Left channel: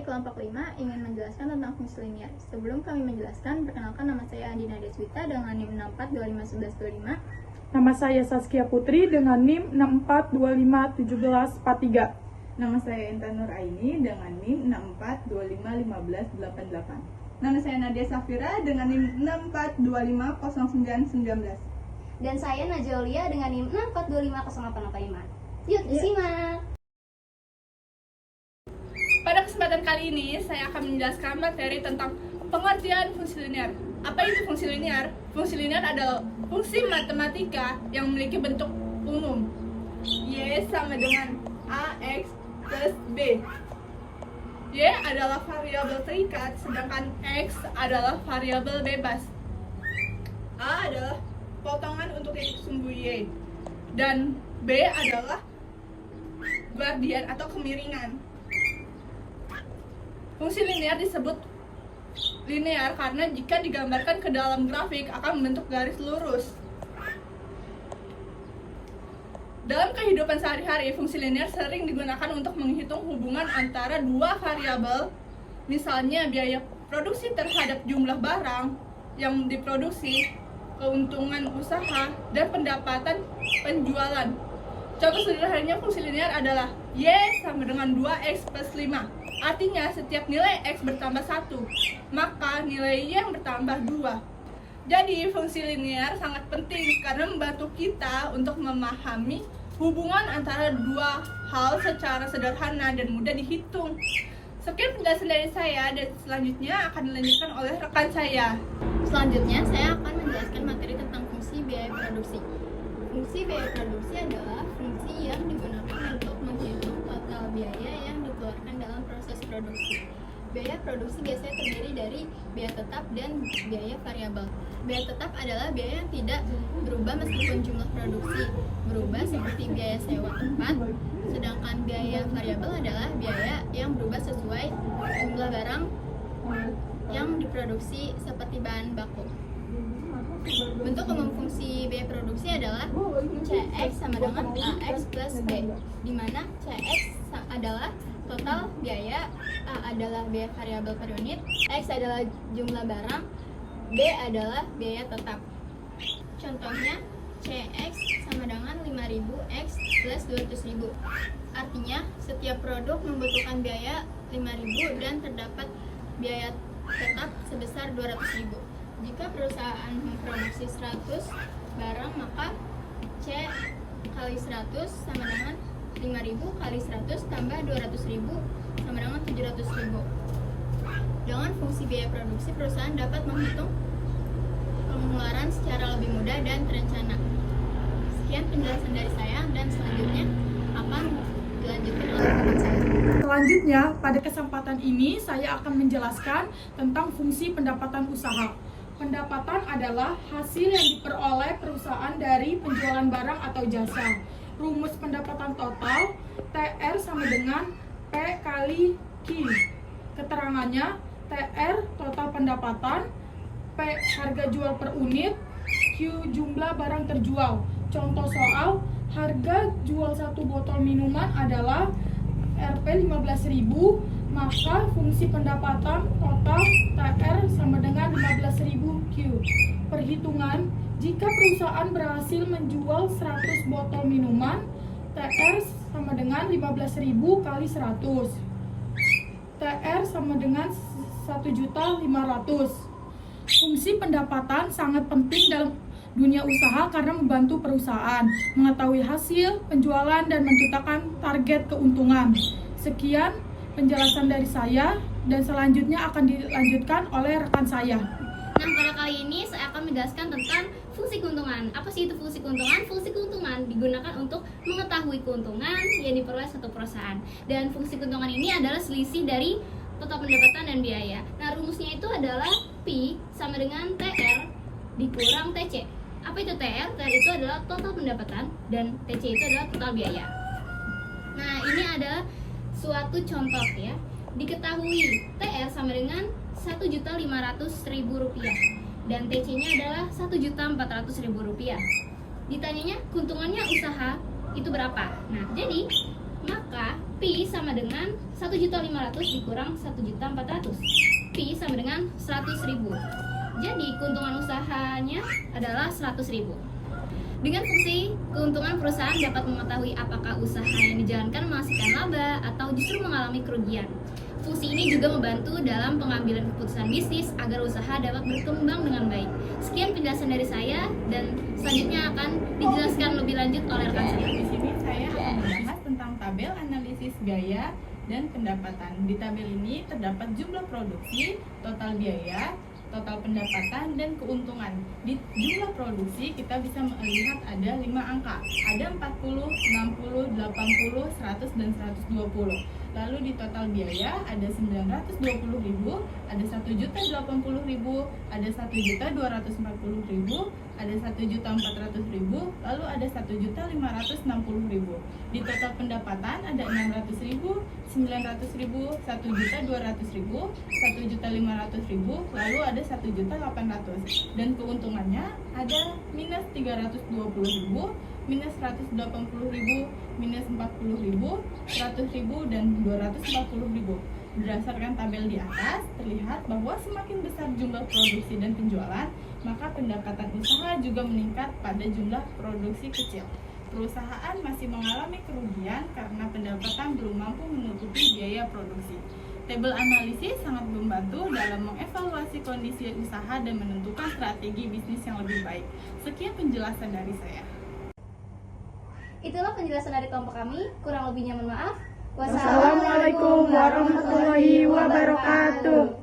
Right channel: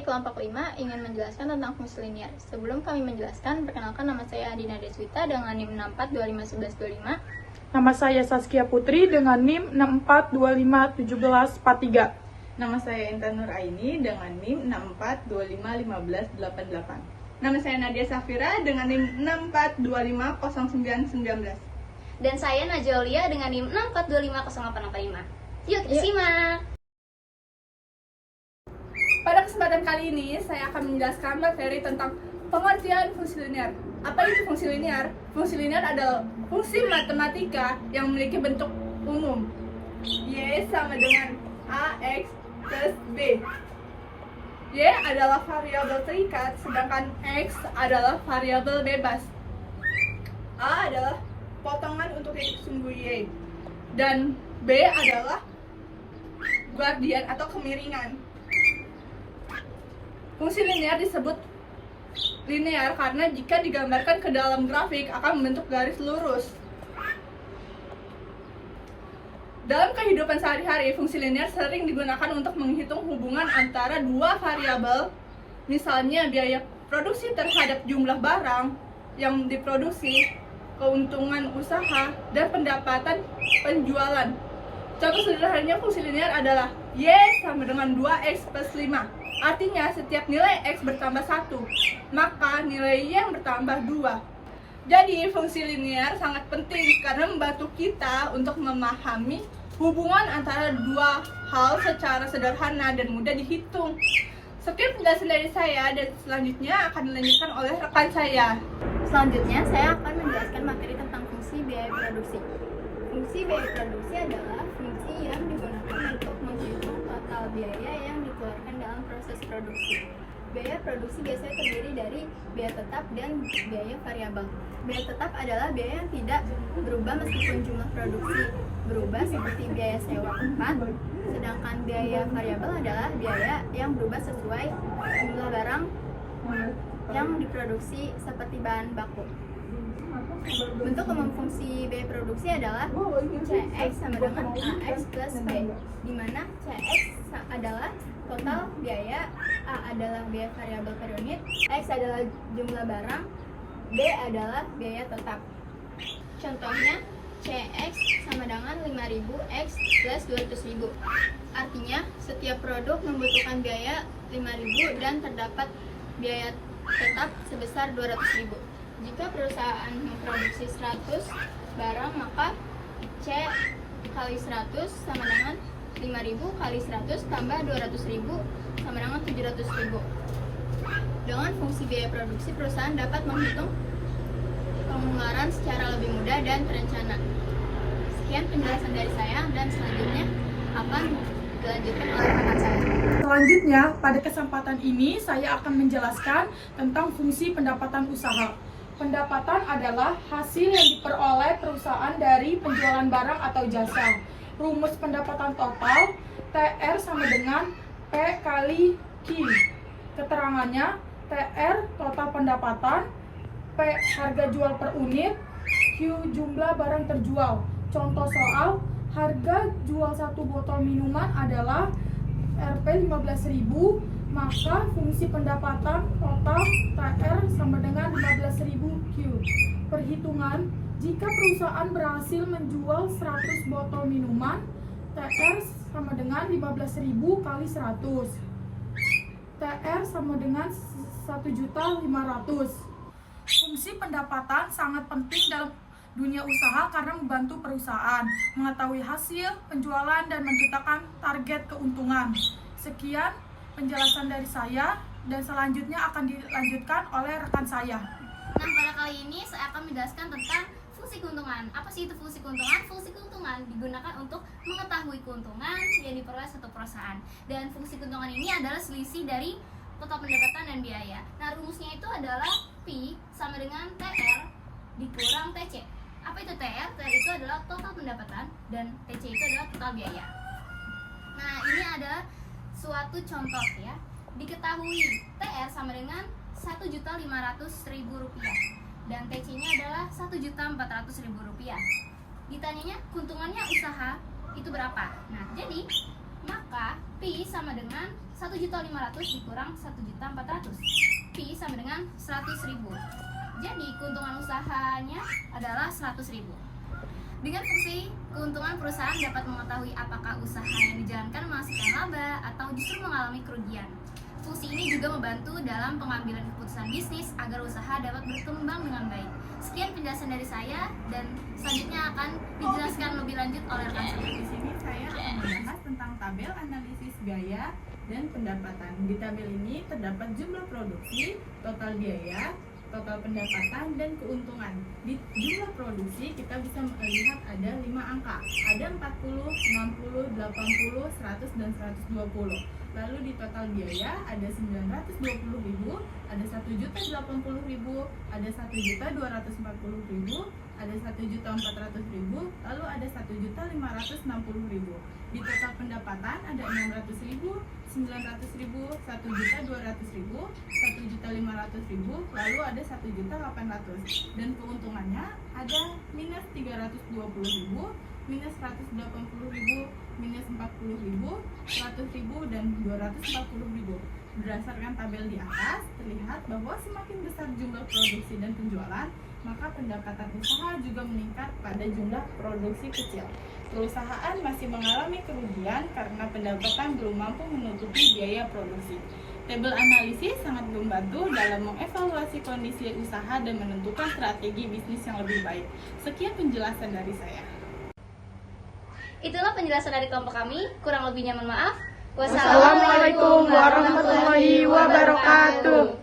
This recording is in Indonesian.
dari kelompok 5 ingin menjelaskan tentang fungsi linear. Sebelum kami menjelaskan, perkenalkan nama saya Andina Deswita dengan NIM 64251125. Nama saya Saskia Putri dengan NIM 64251743. Nama saya Intan Nur Aini dengan NIM 64251588. Nama saya Nadia Safira dengan NIM 64250919. Dan saya Najolia dengan NIM 64250885. Yuk, kita simak! Pada kesempatan kali ini, saya akan menjelaskan materi tentang pengertian fungsi linear. Apa itu fungsi linear? Fungsi linear adalah fungsi matematika yang memiliki bentuk umum. Y sama dengan AX plus B. Y adalah variabel terikat, sedangkan X adalah variabel bebas. A adalah potongan untuk titik sumbu Y. Dan B adalah guardian atau kemiringan. Fungsi linear disebut linear karena jika digambarkan ke dalam grafik akan membentuk garis lurus. Dalam kehidupan sehari-hari, fungsi linear sering digunakan untuk menghitung hubungan antara dua variabel, misalnya biaya produksi terhadap jumlah barang yang diproduksi, keuntungan usaha, dan pendapatan penjualan. Contoh sederhananya fungsi linear adalah Y sama dengan 2X plus 5. Artinya setiap nilai X bertambah 1, maka nilai Y yang bertambah 2. Jadi fungsi linear sangat penting karena membantu kita untuk memahami hubungan antara dua hal secara sederhana dan mudah dihitung. Sekian penjelasan dari saya dan selanjutnya akan dilanjutkan oleh rekan saya. Selanjutnya, saya akan menjelaskan materi tentang fungsi biaya produksi. Fungsi biaya produksi adalah fungsi yang digunakan untuk menghitung total biaya yang dikeluarkan dalam proses produksi. Biaya produksi biasanya terdiri dari biaya tetap dan biaya variabel. Biaya tetap adalah biaya yang tidak berubah meskipun jumlah produksi berubah, seperti biaya sewa tempat. Sedangkan biaya variabel adalah biaya yang berubah sesuai jumlah barang yang diproduksi seperti bahan baku. Bentuk umum fungsi biaya produksi adalah CX sama dengan AX plus B, di mana CX adalah total biaya, A adalah biaya variabel per unit, X adalah jumlah barang, B adalah biaya tetap. Contohnya, CX sama dengan 5.000 X plus 200.000. Artinya, setiap produk membutuhkan biaya 5.000 dan terdapat biaya tetap sebesar 200.000. Jika perusahaan memproduksi 100 barang, maka C kali 100 sama dengan 5.000 kali 100 tambah 200.000 sama dengan 700.000. Dengan fungsi biaya produksi, perusahaan dapat menghitung pengeluaran secara lebih mudah dan terencana. Sekian penjelasan dari saya dan selanjutnya akan dilanjutkan oleh rekan saya. Selanjutnya, pada kesempatan ini saya akan menjelaskan tentang fungsi pendapatan usaha. Pendapatan adalah hasil yang diperoleh perusahaan dari penjualan barang atau jasa. Rumus pendapatan total TR sama dengan P kali Q. Keterangannya, TR total pendapatan, P harga jual per unit, Q jumlah barang terjual. Contoh soal, harga jual satu botol minuman adalah Rp 15.000, maka fungsi pendapatan total TR sama dengan 15.000 Q. Perhitungan, jika perusahaan berhasil menjual 100 botol minuman, TR sama dengan 15.000 kali 100. TR sama dengan 1.500.000. Fungsi pendapatan sangat penting dalam dunia usaha karena membantu perusahaan mengetahui hasil penjualan dan menentukan target keuntungan. Sekian penjelasan dari saya dan selanjutnya akan dilanjutkan oleh rekan saya. Nah, pada kali ini saya akan menjelaskan tentang fungsi keuntungan. Apa sih itu fungsi keuntungan? Fungsi keuntungan digunakan untuk mengetahui keuntungan yang diperoleh satu perusahaan. Dan fungsi keuntungan ini adalah selisih dari total pendapatan dan biaya. Nah, rumusnya itu adalah Pi sama dengan TR dikurang TC. Apa itu TR? TR itu adalah total pendapatan dan TC itu adalah total biaya. Nah, ini adalah suatu contoh ya. Diketahui TR sama dengan Rp1.500.000 dan TC-nya adalah Rp1.400.000. Ditanyanya keuntungannya usaha itu berapa? Nah, jadi maka Pi sama dengan 1.500.000 dikurang 1.400.000. Pi sama dengan 100.000. Jadi keuntungan usahanya adalah 100.000. Dengan fungsi, keuntungan perusahaan dapat mengetahui apakah usaha yang dijalankan menghasilkan laba atau justru mengalami kerugian. Fungsi ini juga membantu dalam pengambilan keputusan bisnis agar usaha dapat berkembang dengan baik. Sekian penjelasan dari saya, dan selanjutnya akan dijelaskan lebih lanjut oleh rekan saya. Di sini saya akan membahas tentang tabel analisis biaya dan pendapatan. Di tabel ini terdapat jumlah produksi, total biaya, total pendapatan, dan keuntungan. Di jumlah produksi kita bisa melihat ada 5 angka, ada 40, 60, 80, 100, dan 120. Lalu di total biaya ada 920.000, ada 1.080.000, ada 1.240.000, ada 1.400.000, lalu ada 1.560.000. Di total pendapatan ada 600.000, 900.000, 1.200.000, 1.500.000, lalu ada 1.800.000. Dan keuntungannya ada minus 320.000, minus 180.000, minus 40.000, 100.000, dan 240.000. Berdasarkan tabel di atas, terlihat bahwa semakin besar jumlah produksi dan penjualan, maka pendapatan usaha juga meningkat pada jumlah produksi kecil. Perusahaan masih mengalami kerugian karena pendapatan belum mampu menutupi biaya produksi. Tabel analisis sangat membantu dalam mengevaluasi kondisi usaha dan menentukan strategi bisnis yang lebih baik. Sekian penjelasan dari saya. Itulah penjelasan dari kelompok kami. Kurang lebihnya mohon maaf. Wassalamualaikum warahmatullahi wabarakatuh.